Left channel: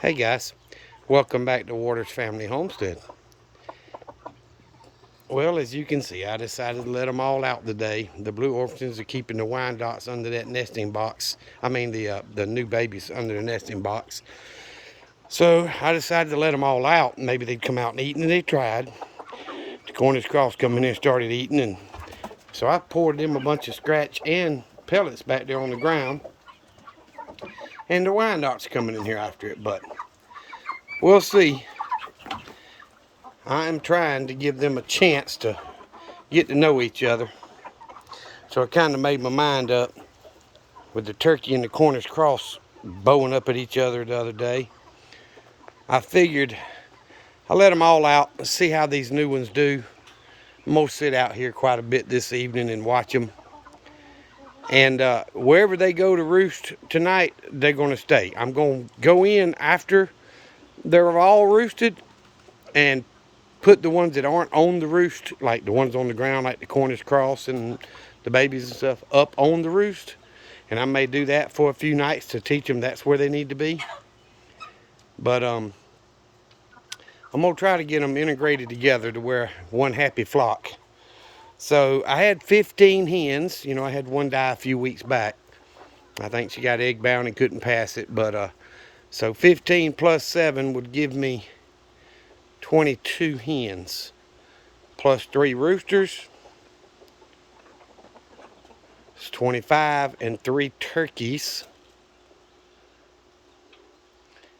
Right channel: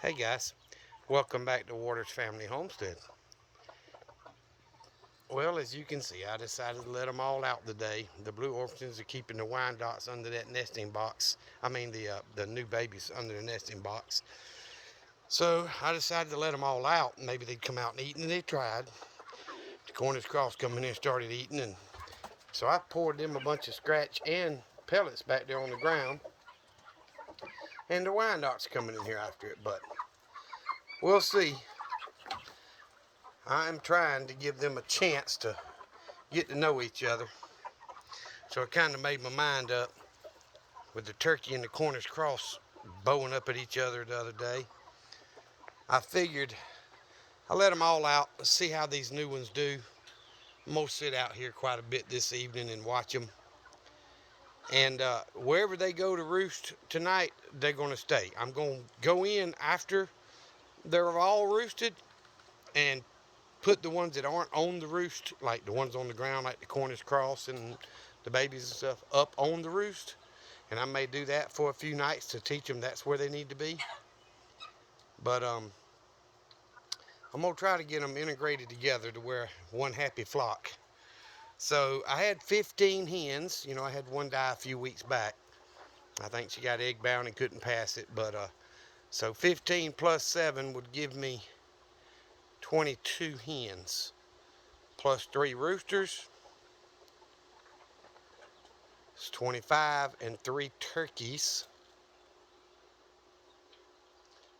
Hey guys, welcome back to Waters Family Homestead. Well, as you can see, I decided to let them all out today. The blue orphans are keeping the Wyandottes under that nesting box. I mean the new babies under the nesting box. So I decided to let them all out. Maybe they'd come out and eat, and they tried. The Cornish cross come in and started eating, and so I poured them a bunch of scratch and pellets back there on the ground. And the Wyandottes coming in here after it, but we'll see. I'm trying to give them a chance to get to know each other. So I kind of made my mind up with the turkey and the Cornish cross bowing up at each other the other day. I figured I let them all out and see how these new ones do. I'm going to sit out here quite a bit this evening and watch them. And wherever they go to roost tonight, they're going to stay. I'm going to go in after they're all roosted and put the ones that aren't on the roost, like the ones on the ground, like the Cornish cross and the babies and stuff, up on the roost. And I may do that for a few nights to teach them that's where they need to be. But I'm gonna try to get them integrated together to where one happy flock. So I had 15 hens. You know, I had one die a few weeks back. I think she got egg bound and couldn't pass it. But so 15 plus 7 would give me 22 hens, plus 3 roosters. It's 25, and 3 turkeys,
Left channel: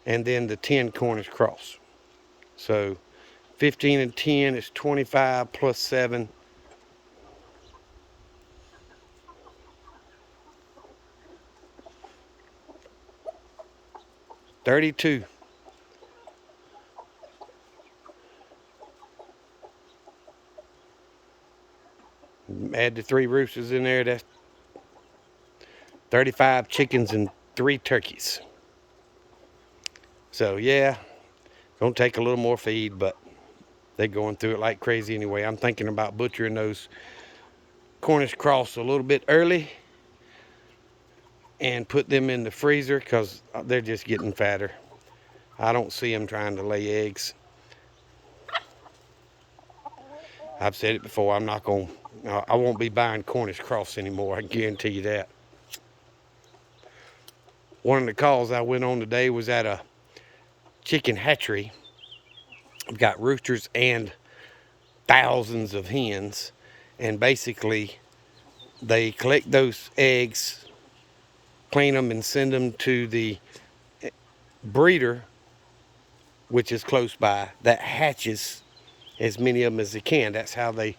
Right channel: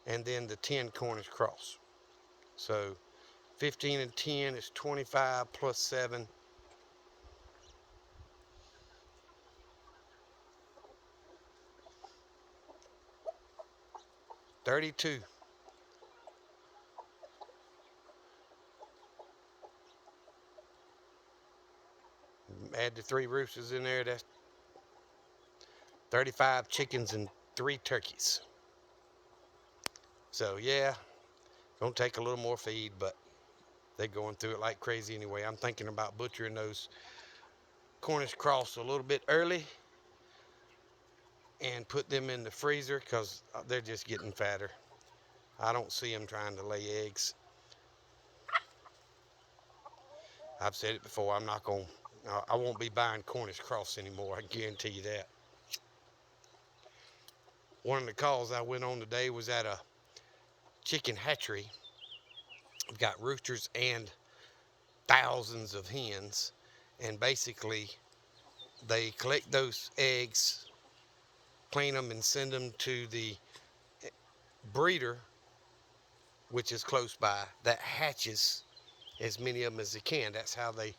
and then the 10 Cornish cross. So 15 and 10 is 25 plus 7. 32. Add the 3 roosters in there, that's 35 chickens and 3 turkeys. So yeah, gonna take a little more feed, but they're going through it like crazy anyway. I'm thinking about butchering those Cornish cross a little bit early and put them in the freezer because they're just getting fatter. I don't see them trying to lay eggs. I've said it before, I won't be buying Cornish cross anymore, I guarantee you that. One of the calls I went on today was at a chicken hatchery. I've got roosters and thousands of hens, and basically they collect those eggs, clean them, and send them to the breeder, which is close by, that hatches as many of them as they can. That's how they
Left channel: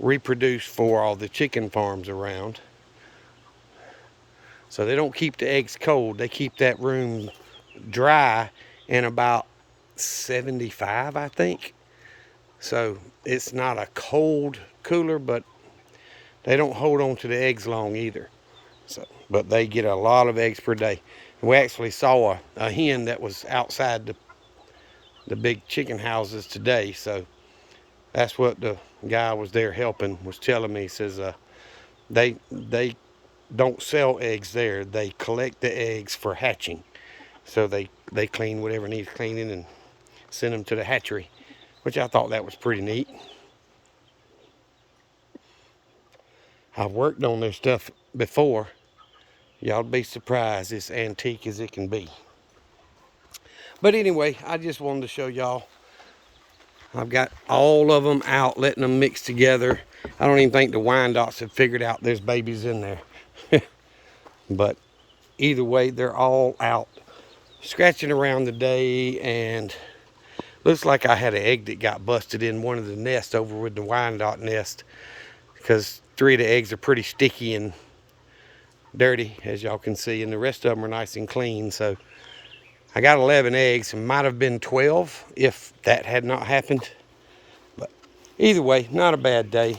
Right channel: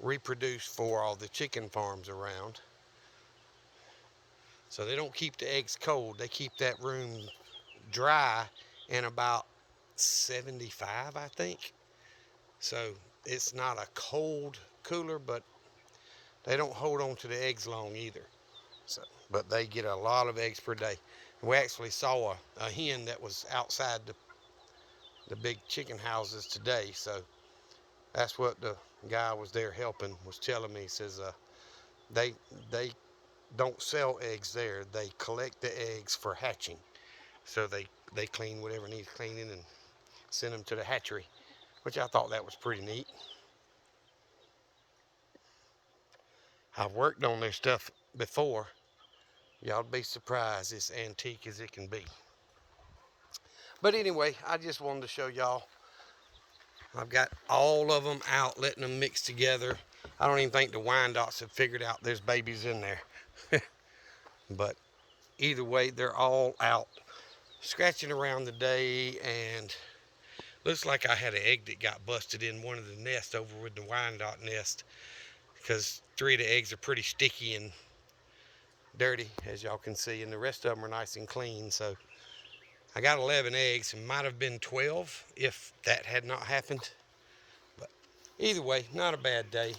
reproduce for all the chicken farms around. So they don't keep the eggs cold, they keep that room dry and about 75, I think. So it's not a cold cooler, but they don't hold on to the eggs long either. So, but they get a lot of eggs per day. And we actually saw a hen that was outside the big chicken houses today. So that's what the guy was there helping was telling me. He says they don't sell eggs there. They collect the eggs for hatching. So they clean whatever needs cleaning and send them to the hatchery, which I thought that was pretty neat. I've worked on this stuff before. Y'all be surprised it's antique as it can be. But anyway, I just wanted to show y'all. I've got all of them out, letting them mix together. I don't even think the Wyandottes have figured out there's babies in there. But either way, they're all out scratching around today, and looks like I had an egg that got busted in one of the nests over with the Wyandotte nest, because 3 of the eggs are pretty sticky and dirty, as y'all can see, and the rest of them are nice and clean. So I got 11 eggs, and might have been 12 if that had not happened. But either way, not a bad day.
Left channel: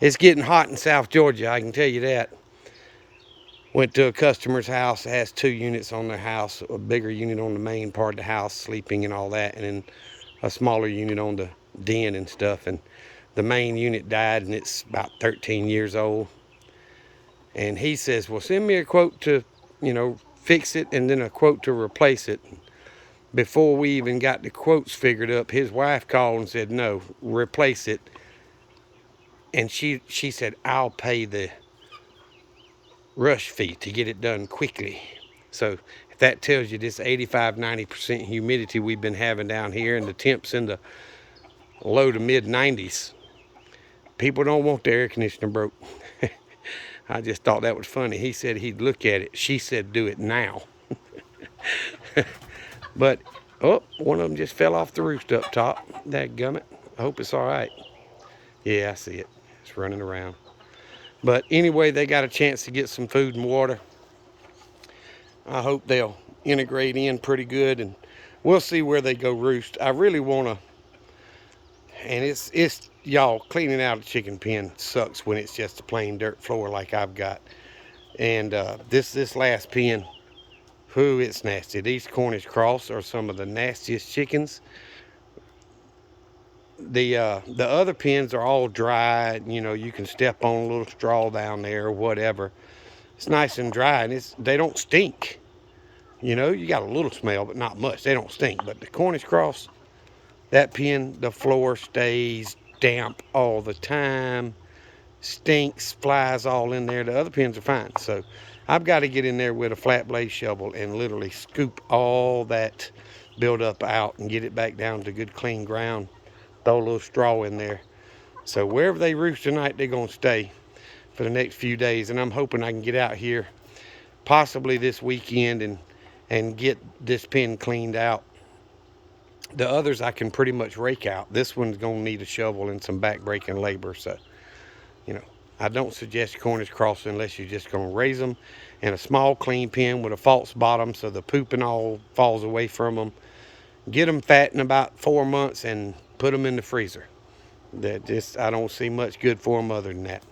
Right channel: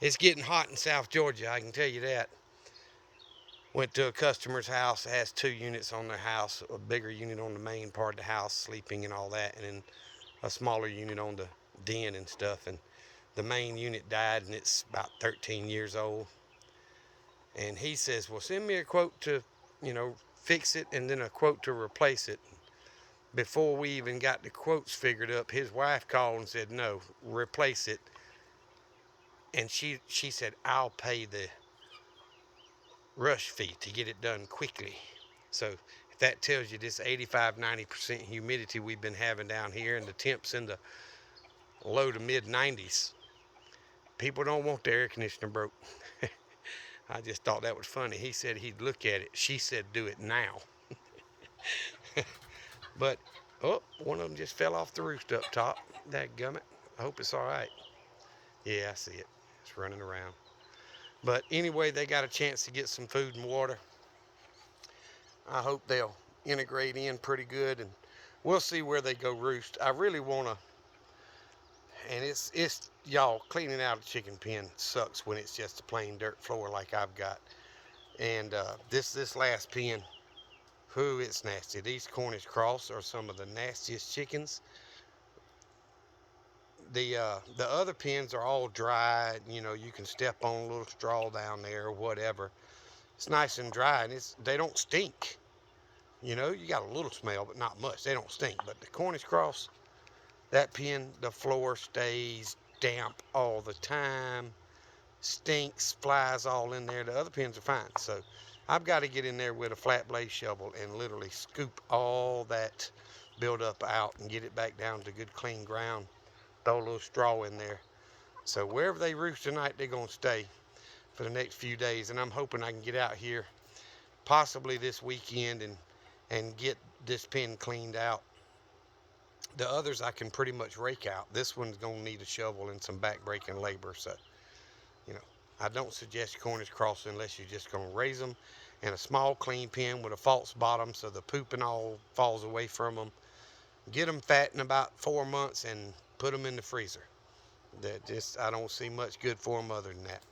It's getting hot in South Georgia, I can tell you that. Went to a customer's house that has 2 units on their house, a bigger unit on the main part of the house, sleeping and all that, and then a smaller unit on the den and stuff. And the main unit died, and it's about 13 years old. And he says, well, send me a quote to, fix it and then a quote to replace it. Before we even got the quotes figured up, his wife called and said, no, replace it. And she said, I'll pay the rush fee to get it done quickly. So if that tells you this 85–90% humidity we've been having down here and the temps in the low to mid 90s, people don't want their air conditioner broke. I just thought that was funny. He said he'd look at it. She said do it now. But, oh, one of them just fell off the roost up top. Dadgummit. I hope it's all right. Yeah, I see it. It's running around. But anyway, they got a chance to get some food and water. I hope they'll integrate in pretty good, and we'll see where they go roost. I really want to, and it's y'all, cleaning out a chicken pen sucks when it's just a plain dirt floor like I've got. And this last pen, whew, it's nasty. These Cornish Cross are some of the nastiest chickens. The other pens are all dry. You know, you can step on a little straw down there or whatever. It's nice and dry, and they don't stink. You know, you got a little smell, but not much. They don't stink. But the Cornish Cross, that pen, the floor stays damp all the time. Stinks, flies all in there. The other pens are fine. So I've got to get in there with a flat blade shovel and literally scoop all that buildup out and get it back down to good clean ground. Throw a little straw in there. So wherever they roost tonight, they're going to stay for the next few days. And I'm hoping I can get out here possibly this weekend and get this pen cleaned out. The others I can pretty much rake out. This one's going to need a shovel and some back-breaking labor. So, you know, I don't suggest Cornish Cross unless you're just going to raise them in a small clean pen with a false bottom so the poop and all falls away from them. Get them fat in about 4 months and put them in the freezer. I don't see much good for them other than that.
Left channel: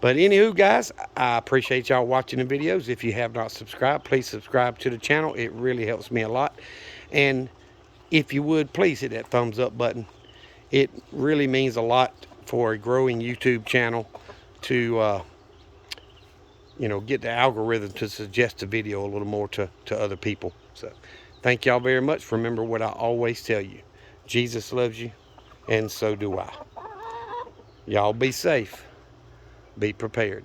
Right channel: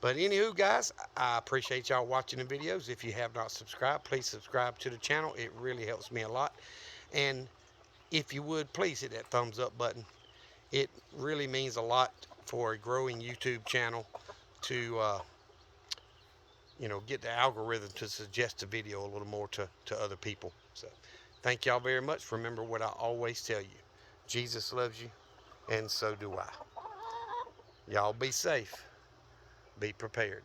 But anywho, guys, I appreciate y'all watching the videos. If you have not subscribed, please subscribe to the channel. It really helps me a lot. And if you would, please hit that thumbs up button. It really means a lot for a growing YouTube channel to, you know, get the algorithm to suggest a video a little more to other people. So thank y'all very much. Remember what I always tell you. Jesus loves you, and so do I. Y'all be safe. Be prepared.